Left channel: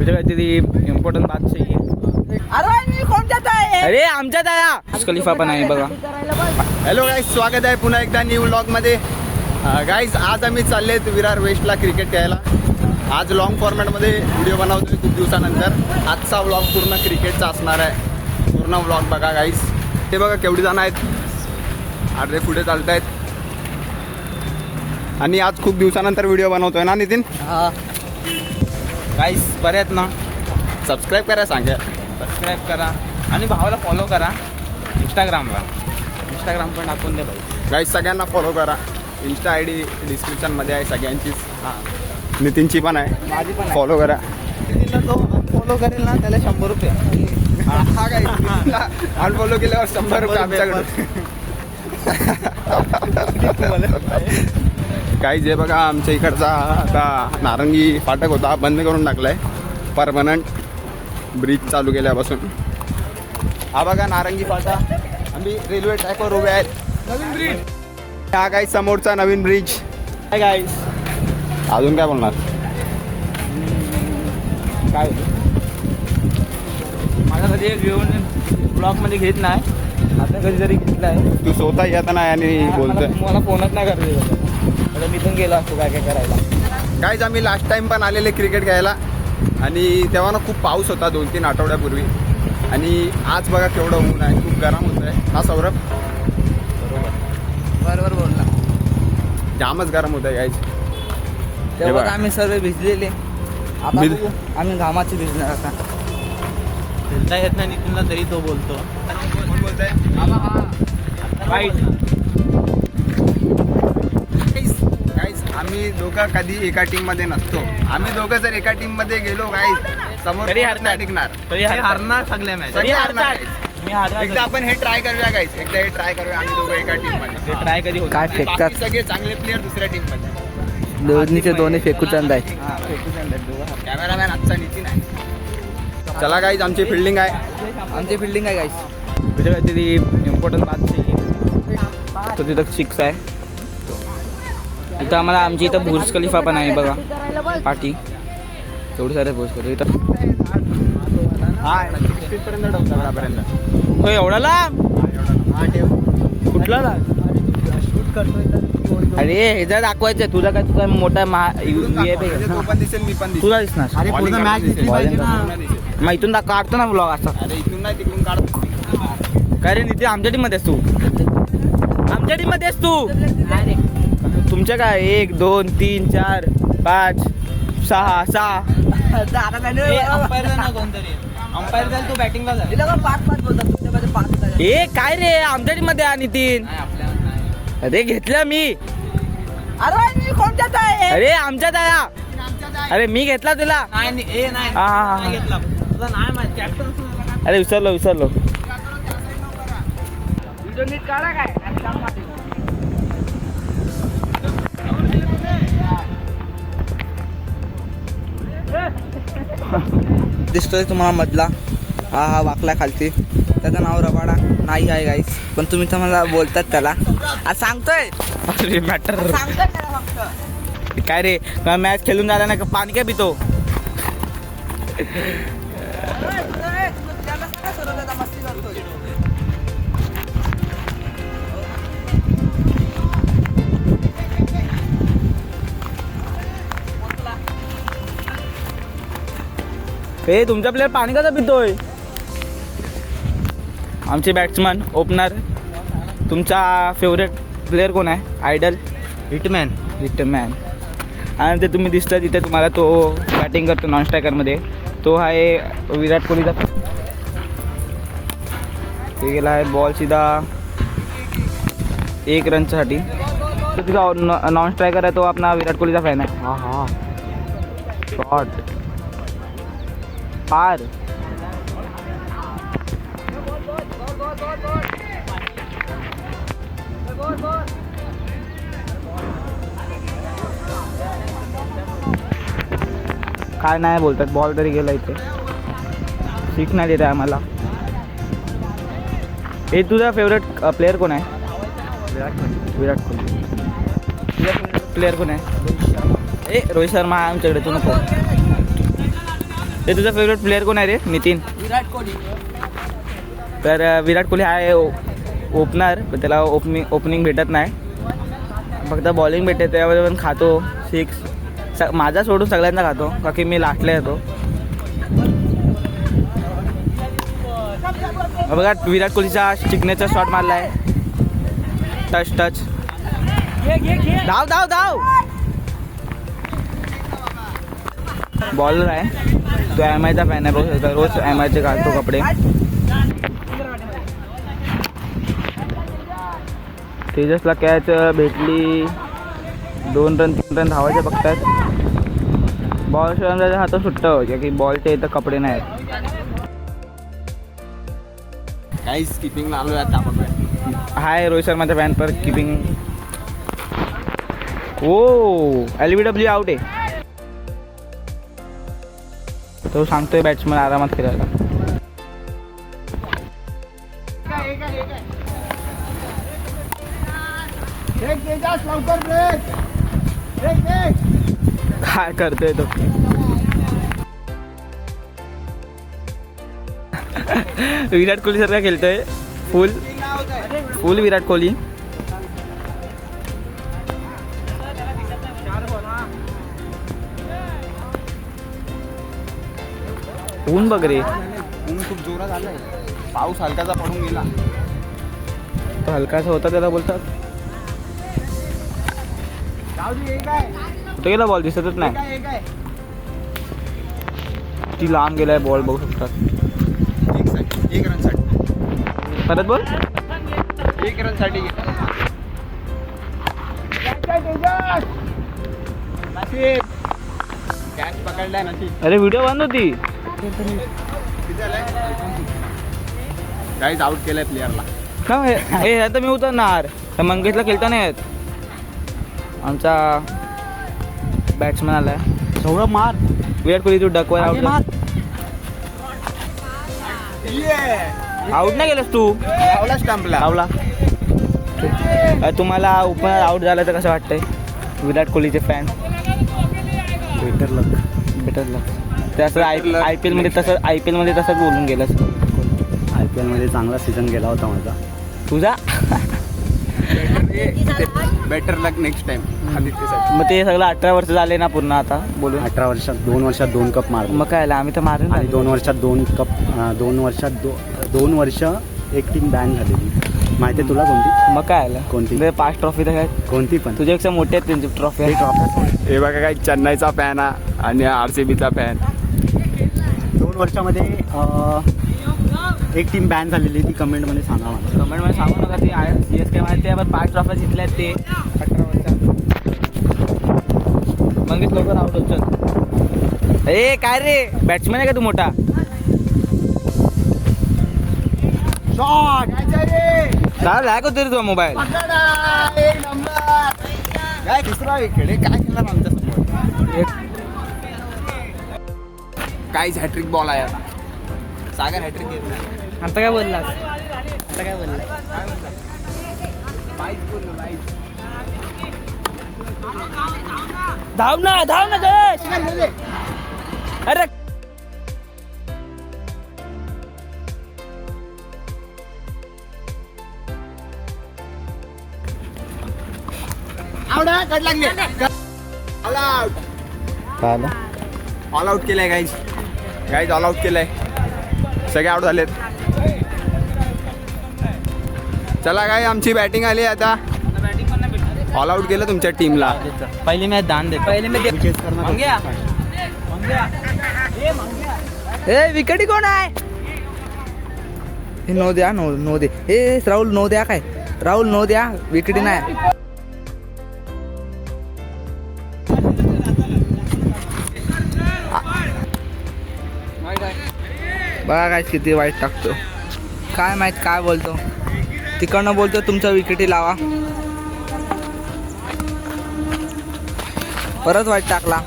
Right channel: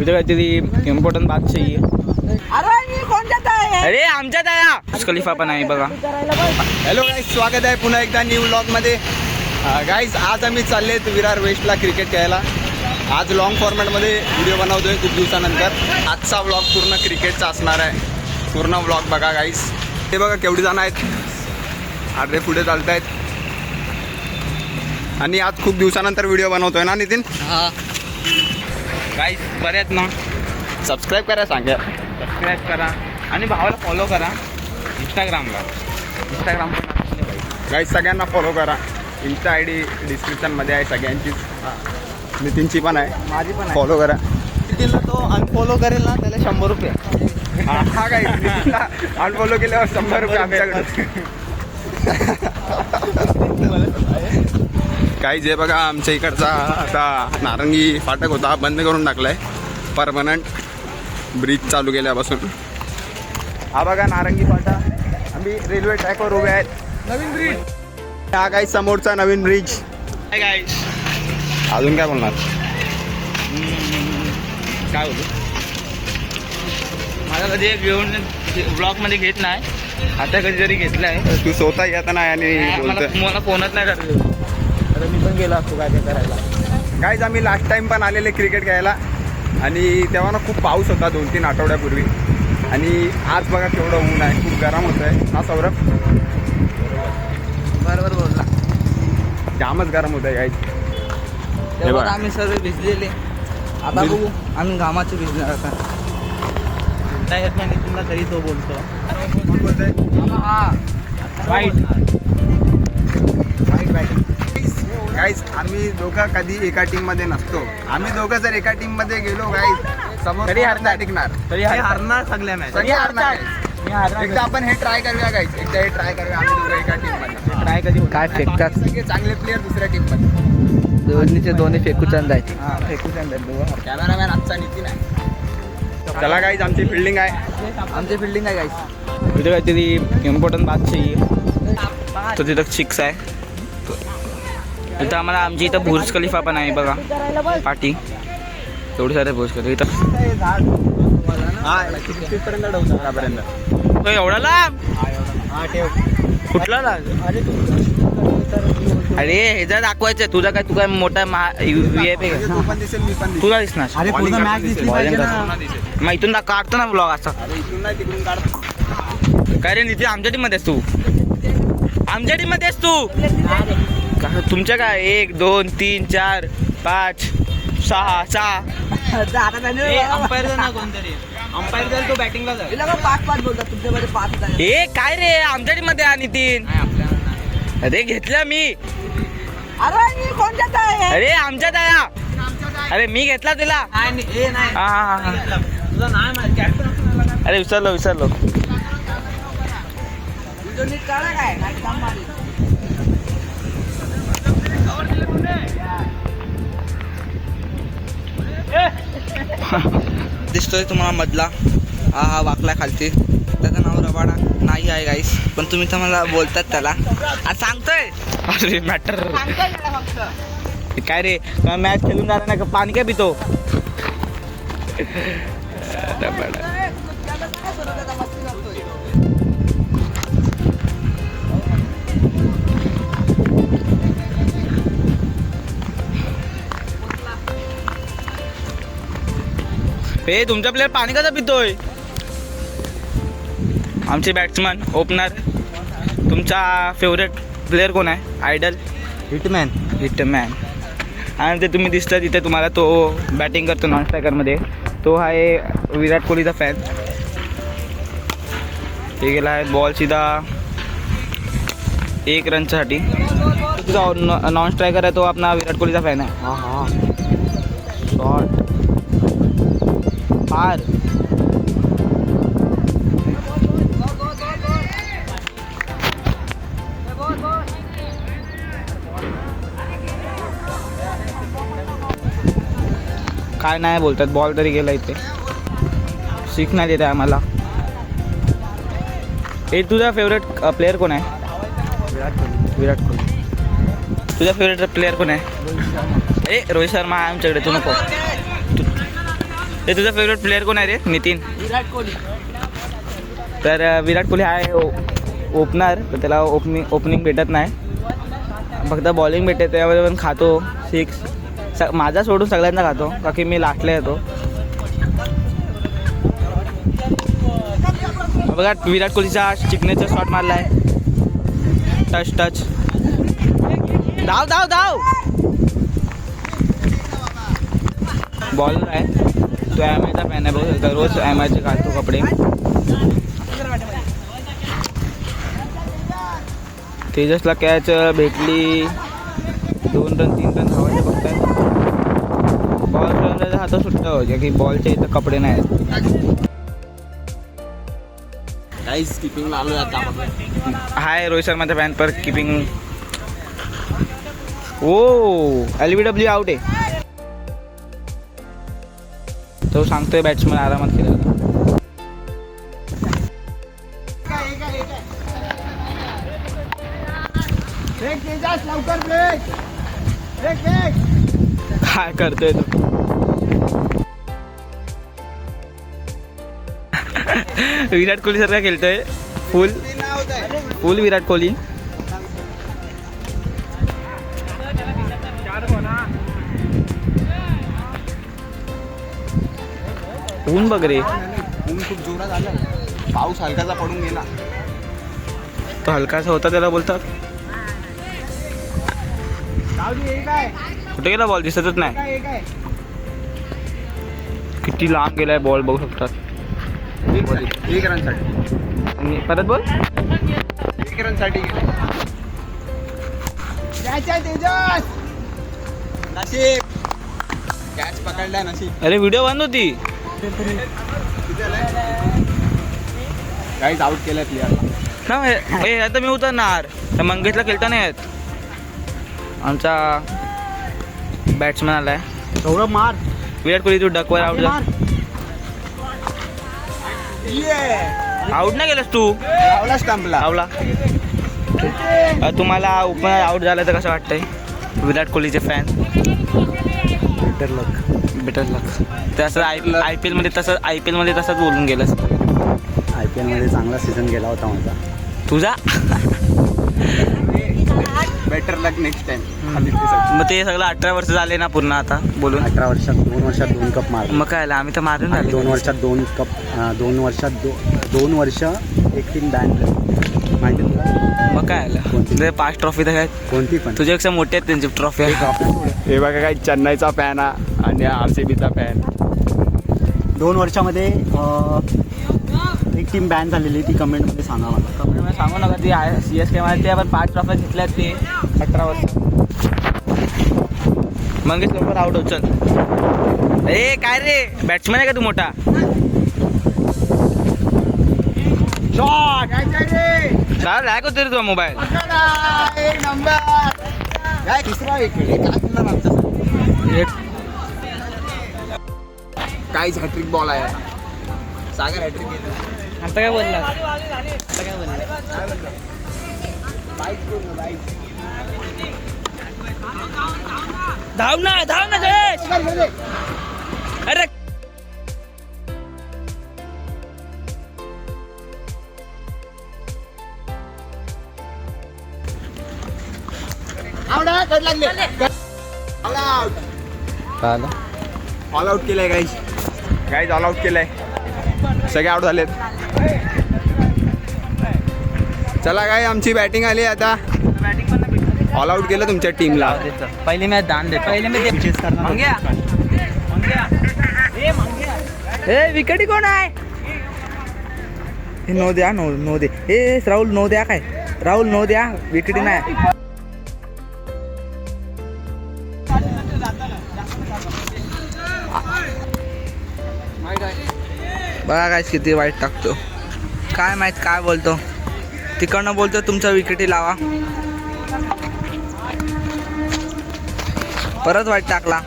इथे काहीतरी इम्पॉर्टंट बात चाहिए. अरे आमच्यात आहे खलिफा पण आहे बघा. हॅलो गाईज, स्वागत आहे पुन्हा एकदा न्यू व्लॉगमध्ये. गाईज आज आम्ही चाललेत विरार वेस्टला क्रिकेट खेळायला. आज लॉंग फॉर्मॅटमध्ये व्हिडिओ बनवतोय खूप दिवसानंतर. आजचा व्लॉग पूर्ण क्रिकेटचा असणार आहे. पूर्ण व्लॉग बघा गाईज. ते बघा केवढी जण आहेत, आडवे पुढे चालत आहेत. आणि आज खूप दिवसानंतर व्हिडिओ बनवतोय ना नितीन? हा गाईस बरे आहेत ना? सबस्क्राईब करा, सांगा. सबस्क्राईब करा आणि भावाला फॉलो करा इंस्टाग्रामला. इंस्टाग्राम पण टाकून दे भाई. गाईज सगळ्यांना फॉलो करा. इंस्टा आय डी डिस्क्रिप्शनमध्ये आहे सगळ्यांचीच. नितीनची पण आहे, माझी पण आहे. फॉलो करा. नितीनला तो अनफॉलो करेल ना त्याला 100 रुपये. हा गाईज, नितीनला अनफॉलो केल्यावर 100 रुपये आमच्याकडे. काही जे बघा आमच्या इकडचा आता नारंगी फाटक होता, बंद करून टाकलाय परमनंट ब्रिज चालू केल्यापासून. हा बघा नारंगी फाटा. आम्ही रेल्वे ट्रॅकवर उभे आहेत. नवीन ब्रिज हा काही समोरचा नवीन ब्रिज. काय गाईज अजून काय बोलणार? काय होतं माझा कधी घेऊन ब्लॉगमध्ये घेत नाही, आता कधीतरी घेतला आहे. तू स्वतः येत नाही आणि बोलतोय. मला फोनच नाही करत. आता मी पण गेलो असतो काय काय करायला. गाईज आम्ही लास्ट टाइम पण आलेले क्रिकेट खेळायला आणि तेव्हा ना खूप पाऊस होता 2-3 आठवड्यापूर्वी. आणि आज बघा केवढं ऊन आहे, खूप गरम होत आहे ना सौरभ? बरोबर बोलला. जामच गरम होत आहे गाईज. तेव्हा आम्ही सर्व भिजलेले. आता बघू आम्ही घामाचे भिजणार. आता नाही येत नाही नितीनला तरी तो बोलतो. कोण बोलतोय? हा वाईट. गाईज आम्ही दोघं कधी एका टीम मध्ये नसतो. आम्ही दोघं जर एका टीम मध्ये गेलो गाईज समोर तरी नाही टिकणार. तरी हारणार सगळ्या मॅच. तरी हारणार. एकदा आपण हे ट्राय करूया गाईज. एकदा हे ट्राय करूया आम्ही दोघं एका टीम मध्ये. ट्राय कधी काय फेकतात सगळे चांगले प्लेअर दुसऱ्या टीम मध्ये. दोन्हीचे दोन्ही फेकू चांद आहे. हा फेकू चांद आहे. कॅमेरामॅन आजचा नितीन आहे. चला गाईज आमची फिल्डिंग आहे. आमची फिल्डिंग आहे गाईस. तिथे काहीतरी इम्पॉर्टंट बात चाहिए. तो तिथं 6 आहे. इथं आम्हाला आमची इथं बुर्ज खलिफा पण आहे बघा पाठी. एवढे सारे बुर्ज खलिफा इथं. एवढा लांब कुठला लाग? अरे हे जर दाखवायचं तुझा काय, तू काय मोठा VIP आहे तू पण दिसेल, मी पण दिसेल. तुला दिसणार. मग इथून काढतो ना ब्लॉग असा. इथून नाही तिकडून काढ. काय रे नितीन, आमच्या टीम मध्ये आहेस तू? आमच्या टीम मध्ये आहेस तू? तुमच्या काय 1 2 3 4 5 6 6 अंपायर तू बॅटिंगला जा. 5-5 बोलतात तुमच्यामध्ये 5. ए काय रे आमच्या टीम मध्ये आहे नितीन. अरे घेतला मी. अरे कोणत्याच आहे? अरे आमच्यात आहे. अरे मी घेतला तुला. हा. अरे विसरलो. तुझं नीट काढा काय काम मारली. दिसतोय तुम्हाला मधला हा वाकला खालती. त्याचं नाव रबाडा नाही आहे गाईस, पण तुम्ही तर मला बोलतात त्याला. सांगतोय अरे मॅटर काय रे. मॅच खेळून झाला ना पाणी काय पितो. हे तुमचा प्लेअर पाणी कसं पितोय? आमचे बॅट्समन ओपनर. तुमचा फेवरेट प्लेअर कोण आहे? Idol hitman. आणि ते तुम्ही दिसता तिथे तुम्हाला तो बॅटिंग करतो नॉन स्ट्रायकरमध्ये. तो आहे विराट कोहलीचा फॅन. हे गेला आहे बॉल सीधा 1 रनसाठी. तुझा नॉन स्ट्रायकर आहे तो आपला विराट कोहलीचा फॅन आहे. हा शॉट पार. काय नाही बोलतात. बॉल तरी गेला इथे. शिक नाही देत आहे आम्हाला. हे तुझा फेवरेट प्लेअर कोण आहे? विराट कोहली. तुझा फेवरेट प्लेअर कोण आहे? रोहित शर्मा आहे आमच्याकडे. तू नको. ते तुझा फेवरेट प्लेअर कोण आहे रे? नितीन. विराट कोहली. तर विराट कोहली आहे ओपनर, पण त्याला ओपनिंग भेटत नाही, फक्त बॉलिंग भेटते. त्यावेळेस पण खातो 6. माझा सोडून सगळ्यांना खातो, का की मी लास्टला येतो. बघा विराट कोहलीचा सिग्नेचर शॉट मारला आहे. टच. धाव धाव धाव. बॉलर आहे तो, MIचा फॅन आहे. बघू शकता रोज MIचे घालतो कपडे. तेजसला कॅच भेटली. 2 रन 3 रन धावायचे बघतात. बॉल खेळण्याचा हात सुट्टा का की बॉलच्या इथं कपडे नाही आहेत. गाईस किपिंगला आलो आता आपण. हाय रोहित शर्माचा फॅन पर किपिंग. ओ LBW आउट आहे. तो सांगतोय बॅट्समन आरामात खेळायला. काय करतोय तो? विराट कोहली सारखा खेळतोय. फुल विराट कोहली. ऊन बघ रे, ऊन खूप जोरात आलाय. पाऊस हलकाचा पडून गेला. तो हलकासा होता त्याला बोलतात. कुठे गेला बॉल? दिसतच नाही. किती लांब गेलाय बॉल बघू शकतात. 1 रनसाठी. परत बोल. 1 रनसाठी नशीब. कॅच पकडलाय नशीब. अरे व्हिडिओ बंद होती. गाईज आउट केलाय प्लेअरला. ना हे आता मी उतरणार. तर मंगेशला खेळता नाही येत. आमचा बॅट्समॅन आलाय सौरभ मार. विराट कोहली. तू डकवर आउट जा. आउट नाही गेलास तू. लावला स्टंपला. लावला. तुम्हाला ओपनर आउट झालं तर कसं वाटतंय? विराट कोहलीचे फॅन. बेटर लक. ते असं IPL मध्ये तसंच बोलून गेलंस. IPL मध्ये चांगला सीझन गेला होता माझा. तुझा बेटर लक नेक्स्ट टाइम. मग ते सगळं 18 वर्ष झाले ना पूर्ण आता बोलून. 18 वर्षात 2 वर्षात 2 कप मारले. मग काय आम्ही तर मारून झाले. 2 वर्षात 2 कप. 2 वर्षात 2 वर्ष एक टीम बॅन झाली. माहिती तुला कोणती? मग काय आलं? कोणती? 5 ट्रॉफी तर काय कोणती पण. तुझ्यापेक्षा मोठे आहेत त्यांची ट्रॉफी. हे बघा काय चेन्नईचा फॅन आणि RCBचा फॅन. 2 वर्षामध्ये एक टीम बॅन झालेली. ती कमेंटमध्ये सांगा मला. कमेंटमध्ये सांगू नका. ती CSK मध्ये ते आपण 5 ट्रॉफी जिंकल्यात ते 18 वर्ष. मंगेश लवकर आउट होत. चल. ए काय रे बॅट्समॅन आहे का तू मोठा? चाल लॅग होतो रे तुझा मोबाईल. तिसरा विकेट आहे. काय केलं आमच्या काहीच हॅट्रिक बॉल आहे. सागर हॅट्रिक घेत नाही. आता काय बोलणार? आता काय बोलणार? धाव ना देश. अरे ऑल आउट केलंय गाईज ऑल आउट केलंय. सगळे आउट झालेत. चला काय आमची बॅटिंग आली आता. ऑल आउट केलं तुमच्या टीमला. पहिली मॅच दान देतो. ए विकेटी कोण आहे? हे नो द्या. नो दे. हे राहुल नो द्या. काय राहुल नो द्या. विकेटी नाही. बघा काय किती वाईट टाकतो. काय माहित काय बोलतो. तिकडनं बोलतो तुमच्या विकेटी लावा. परत वाईट टाकला.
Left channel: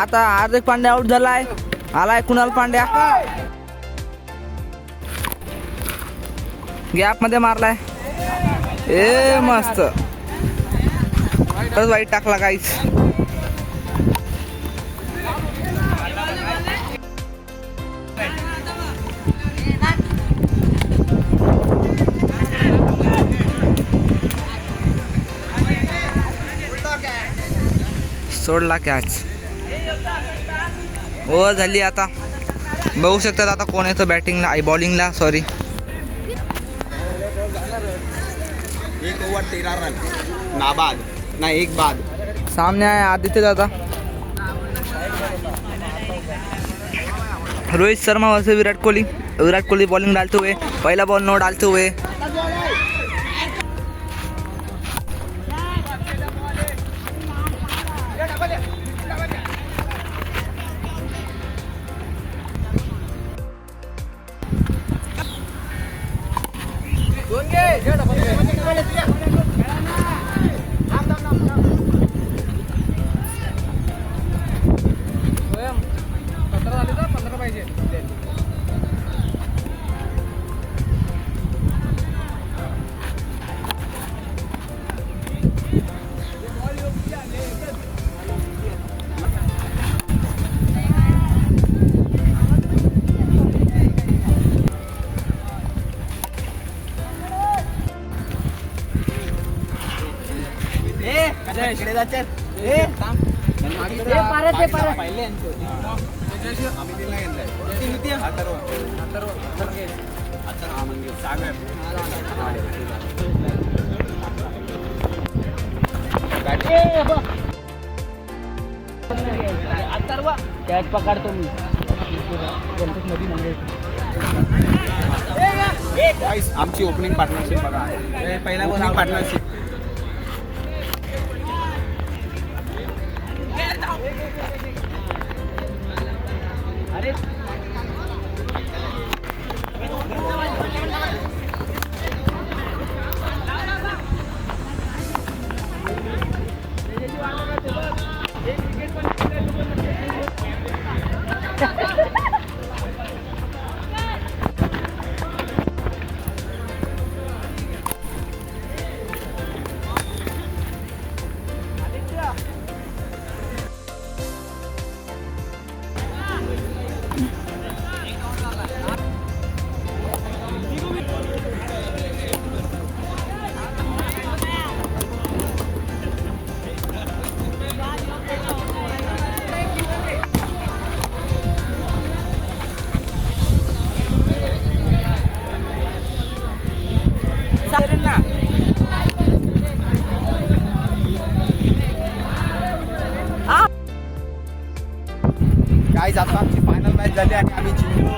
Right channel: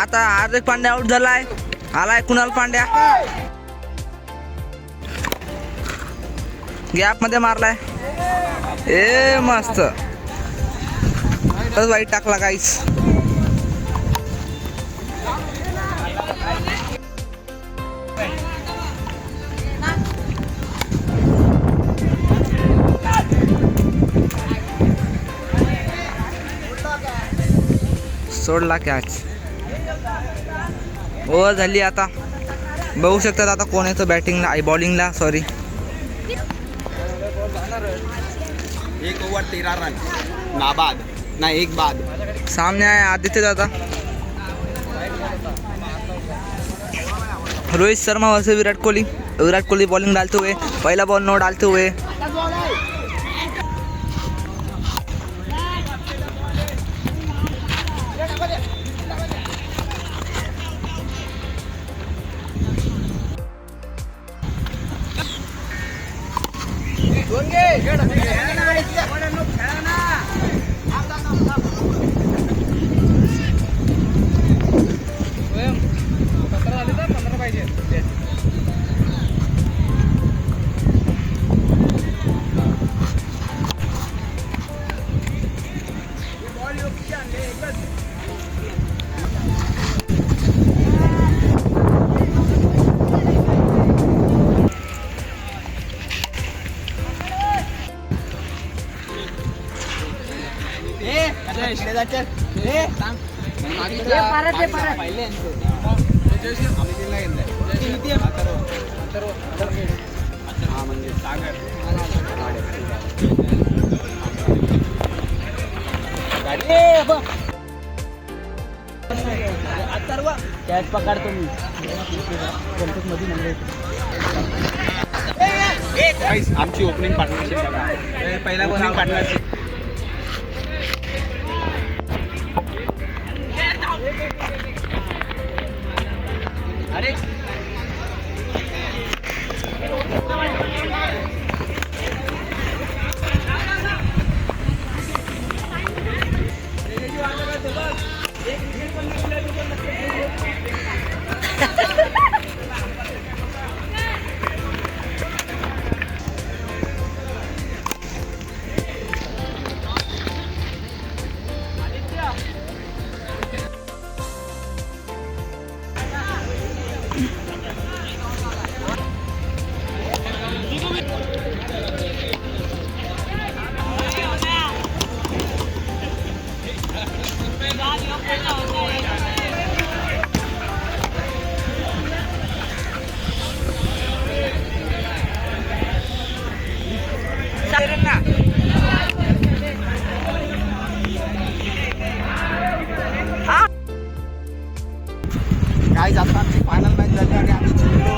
आता हार्दिक पांड्या आउट झालाय. आलाय कुणाल पांड्या. गॅप मध्ये मारलाय. ए मस्त. परत वाईट टाकला गाईस. सोडला कॅच. ओव्हर झाली आता. बघू शकतात आता कोण येतं बॅटिंगला बॉलिंगला. सॉरी, 1 ओव्हर 13 रन नाबाद ना 1 बाद. सामने आहे आदित्य दादा. रोहित शर्मा वर्सेस विराट कोहली. विराट कोहली बॉलिंग डालते हुए, पहला बॉल नो डालते हुए. कॅच पकडतो मी. आमची ओपनिंग पार्टनरशिप बघा. पहिला ओपनिंग पार्टनरशिप. काय जाता आमची फायनल मॅच झाली आणि आम्ही जिंकलो.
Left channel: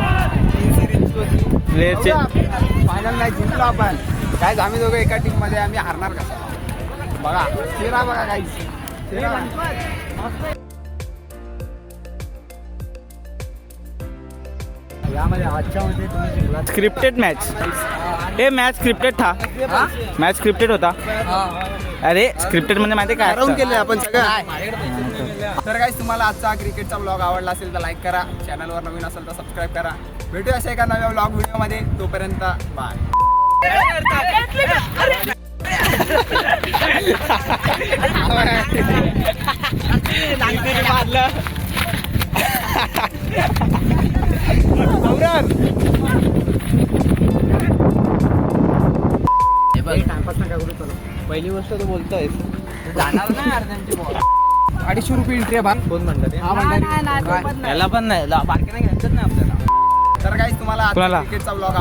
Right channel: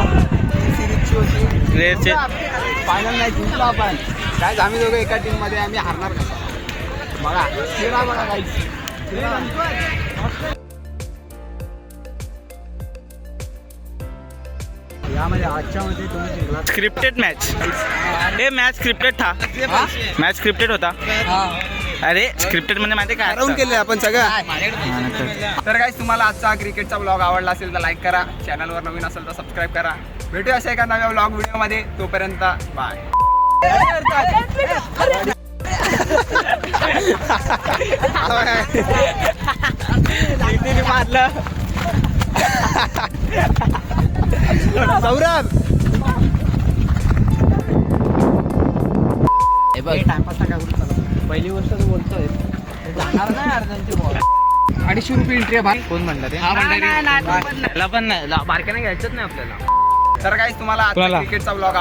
ती सिरीजची होती. फायनल मॅच जिंकलो आपण. काय आम्ही दोघं एका टीम मध्ये. आम्ही हारणार कसं बघा. चेहरा बघा काही यामध्ये आजच्या मध्ये तुम्ही जिंकला. Scripted match. हे मॅच स्क्रिप्टेड था. मॅच स्क्रिप्टेड होता. अरे स्क्रिप्टेड म्हणजे माहिती काय राऊंड असतं? केले आपण सगळं. तर काय तुम्हाला आजचा क्रिकेटचा ब्लॉग आवडला असेल तर लाईक करा. चॅनलवर नवीन असेल तर सबस्क्राईब करा. भेटूया अशा एका नव्या ब्लॉग व्हिडिओमध्ये. तोपर्यंत बाय. सौरभ पहिली गोष्ट तू बोलतोय जाणार ना अर्ध्यांची बॉल. 250 रुपये एंट्री आहे. कोण म्हणलं? हा म्हणणार त्याला पण नाही बारक्याने घ्यायचंच नाही आपल्याला. तर काय तुम्हाला आजचा कोणाला? क्रिकेटचा ब्लॉग